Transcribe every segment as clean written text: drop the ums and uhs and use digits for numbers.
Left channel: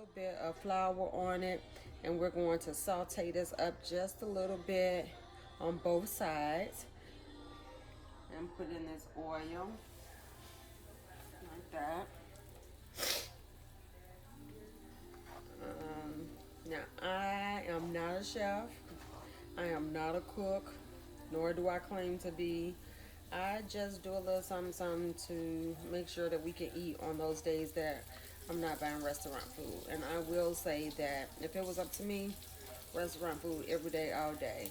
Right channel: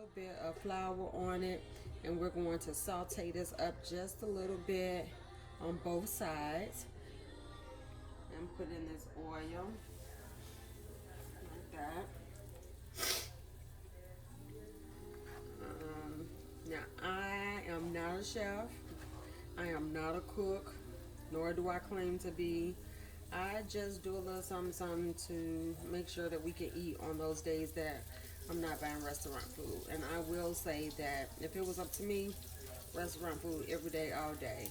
little bit of flour on it, and we're going to saute this up just a little bit on both sides and put in this oil like that. Now I am not a chef, I am not a cook, nor do I claim to be. I just do a little something to make sure that we can eat on those days that I'm not buying restaurant food. And I will say that if it was up to me, restaurant food every day, all day.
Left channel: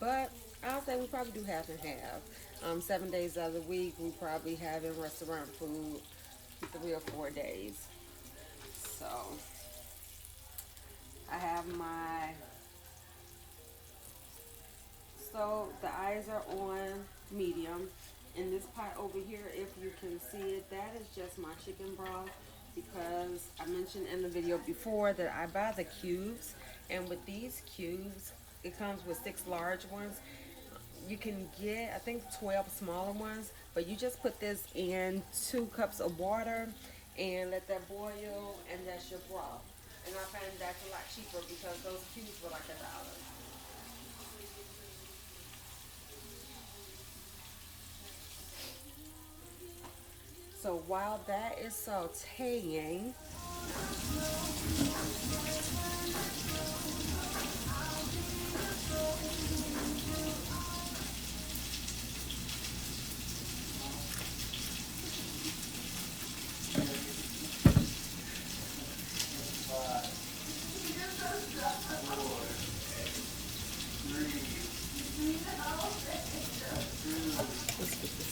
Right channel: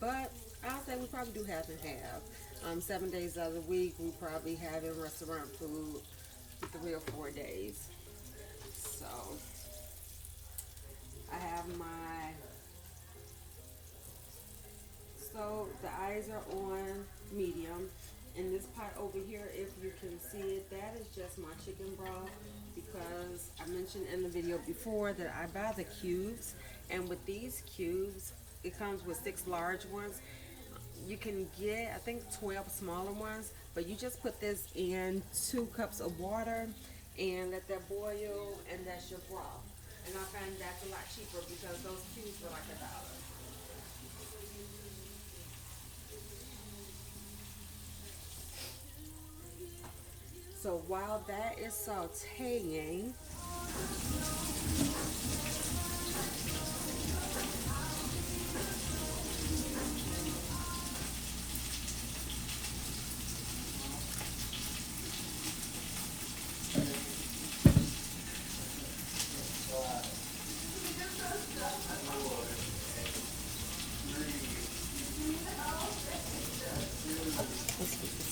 But I'll say we probably do half and half. 7 days out of the week, we probably having restaurant food 3 or 4 days. So I have my stove, the eyes are on medium. In this pot over here, if you can see it, that is just my chicken broth, because I mentioned in the video before that I buy the cubes, and with these cubes, it comes with 6 large ones. You can get, I think, 12 smaller ones, but you just put this in 2 cups of water and let that boil, and that's your broth. And I find that's a lot cheaper because those cubes were like $1. So while that is sauteing,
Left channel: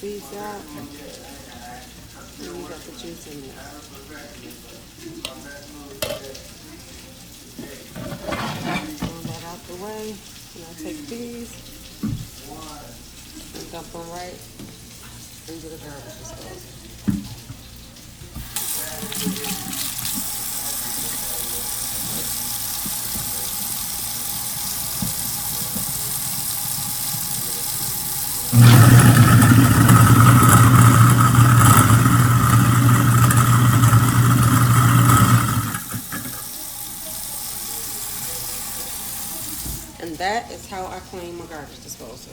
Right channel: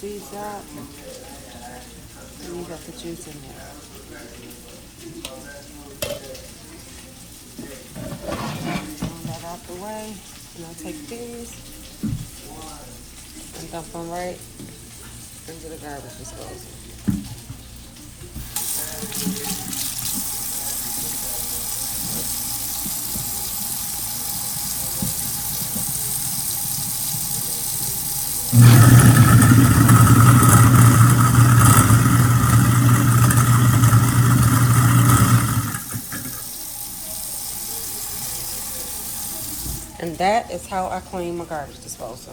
these up. That out the way. Take these. Up one right. Into the garlic sauce. And that is how I clean my garbage disposal.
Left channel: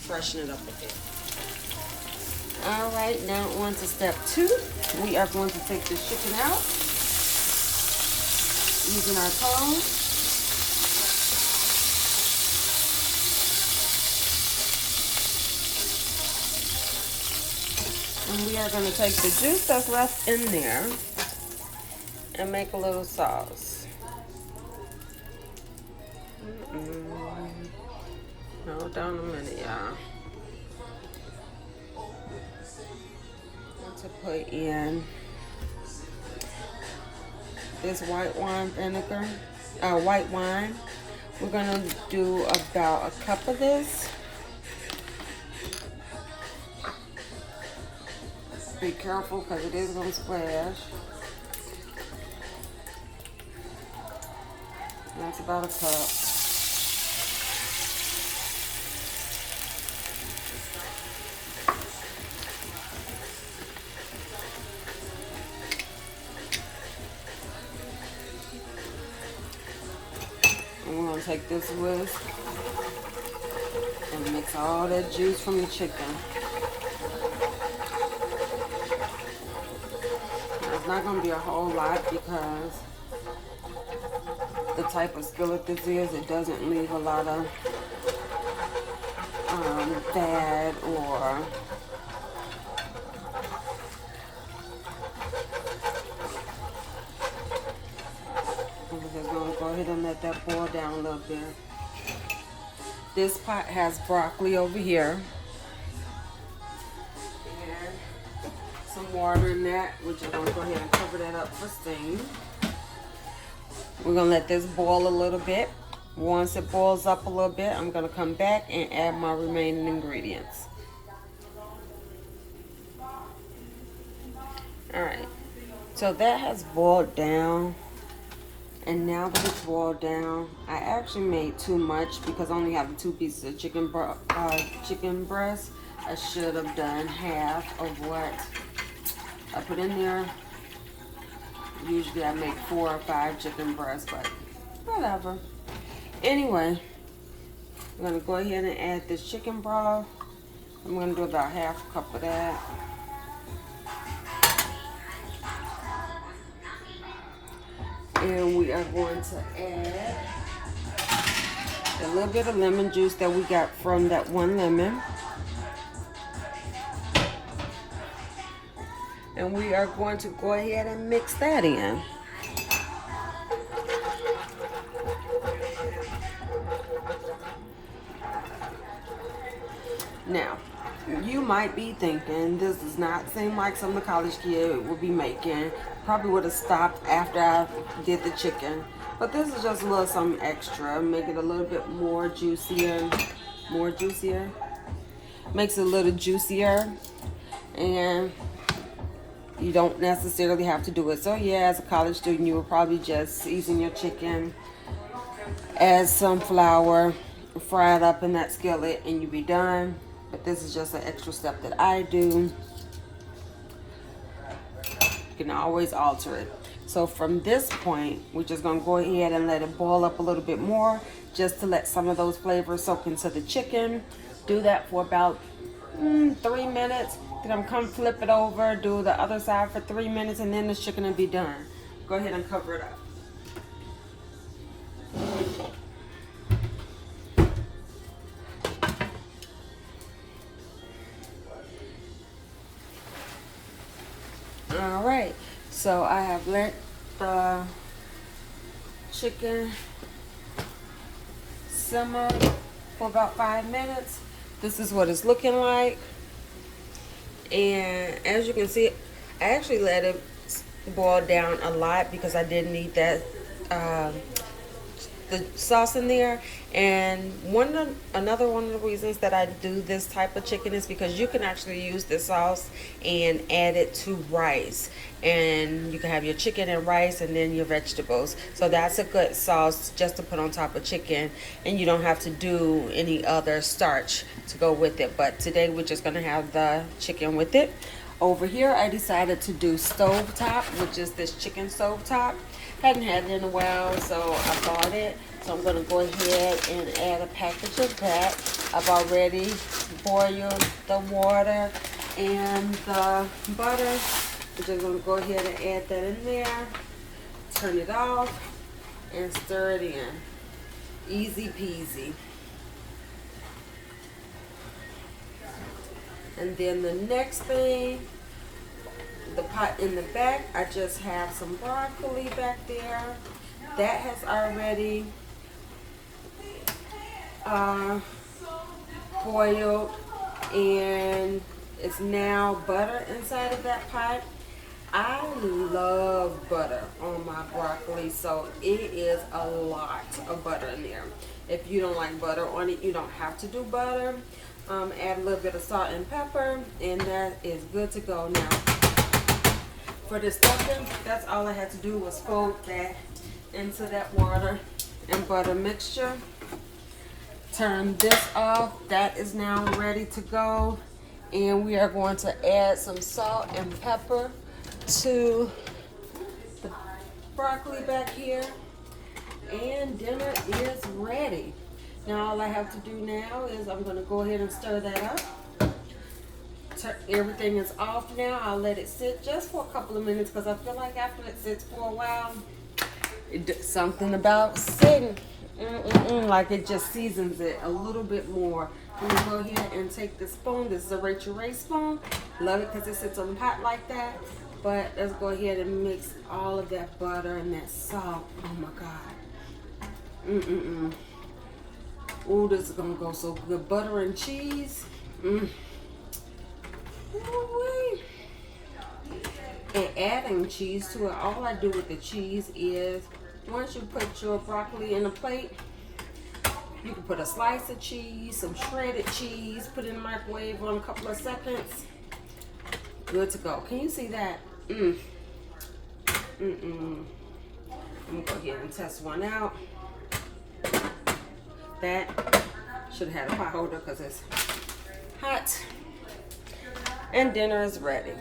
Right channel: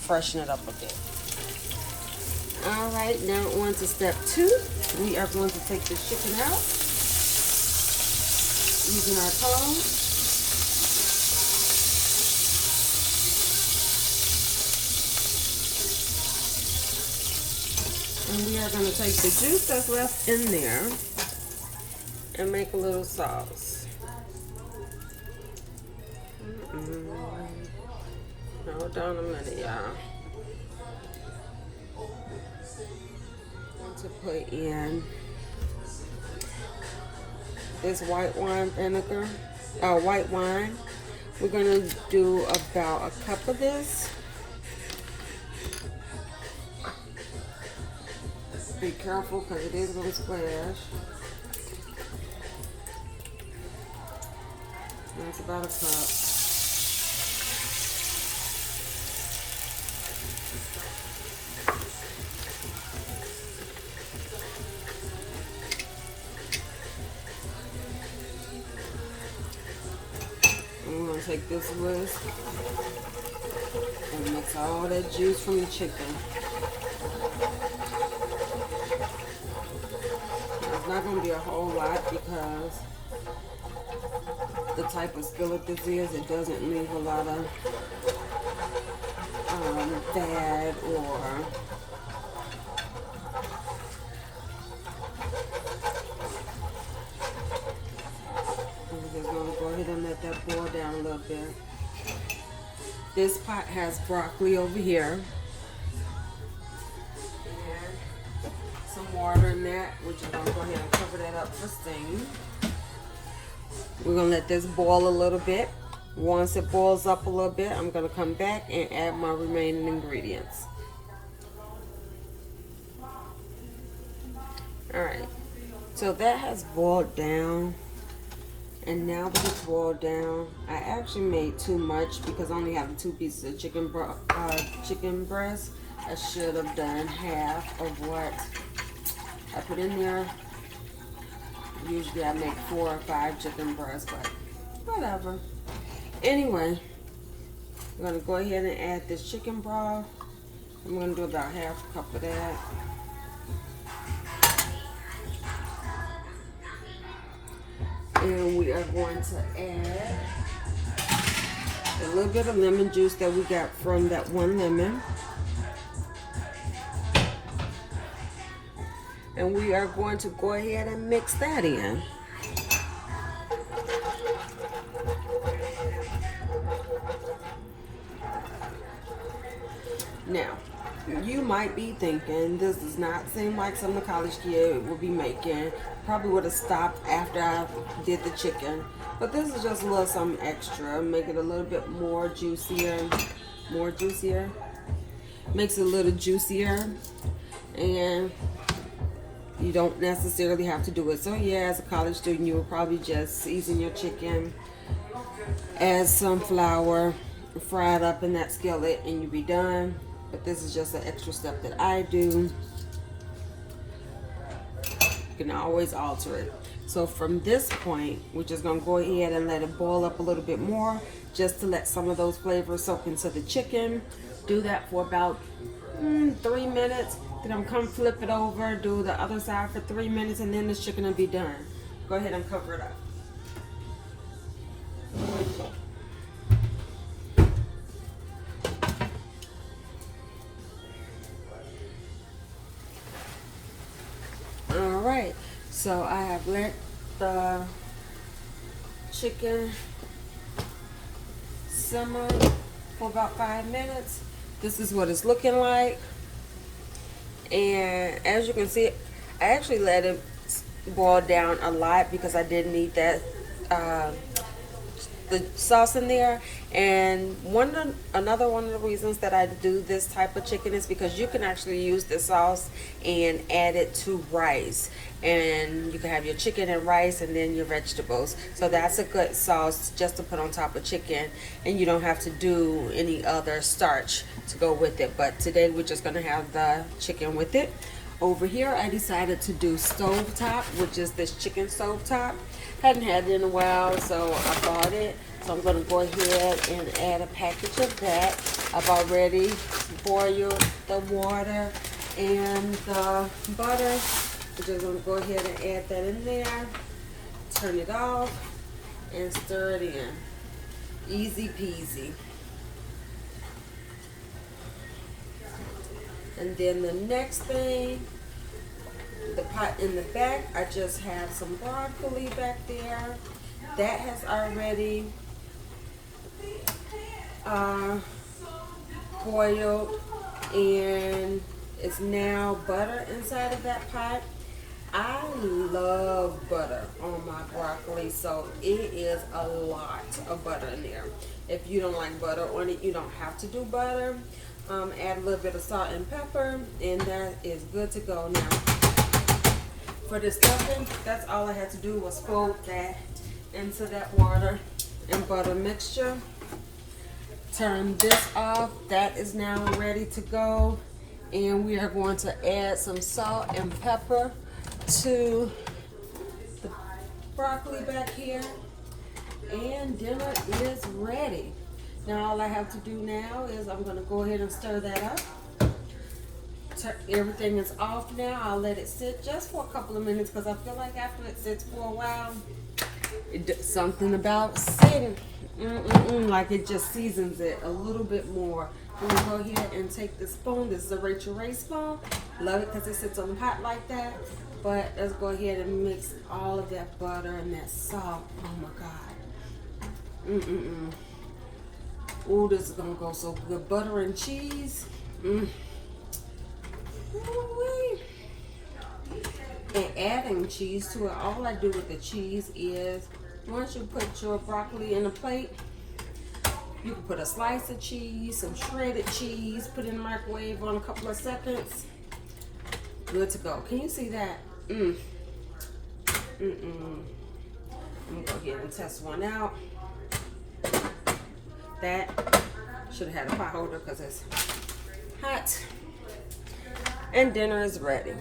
Freshen it up a bit. Alright, now on to step 2. We are going to take the chicken out using our tongs. And we are going to take the juice that's left in there and make a little sauce. Hold on a minute, y'all. To put in this white wine vinegar, white wine. We're gonna do about a cup of this. Be careful because it is gonna splash. That's about a cup. I'm going to take this whisk and mix all that juice from the chicken. Now, it's not going to be a whole lot because the type of skillet this is, it doesn't leave a lot of fat or we're going to go ahead and let that boil down a little bit. This pot has broccoli over here and some water in that. We're just going to go ahead and cover that up for steam. We're going to let this boil a little bit. Once it boils up a little bit, I'm going to come back and add my remaining ingredients. Alright, so that has boiled down. And now that it's boiled down, I actually made too much because I only have 2 pieces of chicken breast. I should have done half of what I put in there. Usually I make 4 or 5 chicken breasts, but whatever. Anyway, I'm gonna go ahead and add this chicken broth. I'm gonna do about half a cup of that. And we are going to add a little bit of lemon juice that we got from that one lemon. And we are going to go ahead and mix that in. Now, you might be thinking this does not seem like something a college kid would be making. Probably would have stopped after I did the chicken. But this is just a little something extra. Make it a little bit more juicier. Makes it a little juicier. And you don't necessarily have to do it. So yeah, as a college student, you would probably just season your chicken, add some flour, fry it up in that skillet, and you'd be done. But this is just an extra step that I do. You can always alter it. So from this point, we're just gonna go ahead and let it boil up a little bit more, just to let some of those flavors soak into the chicken. Do that for about 3 minutes. Then I'm come flip it over, do the other side for 3 minutes, and then the chicken will be done. Go ahead and cover it up. All right, so I have let the chicken simmer for about 5 minutes. This is what it's looking like. And as you can see, I actually let it boil down a lot because I didn't need that the sauce in there. And another one of the reasons that I do this type of chicken is because you can actually use the sauce and add it to rice, and you can have your chicken and rice and then your vegetables. So that's a good sauce just to put on top of chicken, and you don't have to do any other starch to go with it. But today we're just gonna have the chicken with it. Over here I decided to do stovetop, which is this chicken stovetop. Hadn't had it in a while, so I bought it. So I'm gonna go ahead and add a package of that. I've already boiled the water and the butter. I'm just gonna go ahead and add that in there, turn it off, and stir it in. Easy peasy. And then the next thing, the pot in the back, I just have some broccoli back there. That has already boiled, and it's now butter inside of that pot. I love butter on my broccoli, so it is a lot of butter in there. If you don't like butter on it, you don't have to do butter. Add a little bit of salt and pepper, and that is good to go. Now, for the stuffing, that's all I had to do was fold that into that water and butter mixture. Turn this off. That is now ready to go. And we are going to add some salt and pepper to the broccoli back here. And dinner is ready. Now all I have to do now is I'm going to go ahead and stir that up. Everything is off now. I'll let it sit just for a couple of minutes because I feel like after it sits for a while, something about sitting, like it just seasons it a little bit more. I'm going to go ahead and take the spoon. This is a Rachel Ray spoon. Love it because it sits on the pot like that. But let's go ahead and mix all of that butter and that salt. Oh my God. Ooh, this is gonna go so good. Butter and cheese. And adding cheese to it, all I do with the cheese is once you put your broccoli in a plate, you can put a slice of cheese, some shredded cheese, put it in the microwave on a couple of seconds. Good to go. Can you see that? I'm gonna go ahead and test one out. That should have had a pot holder because it's hot. And dinner is ready.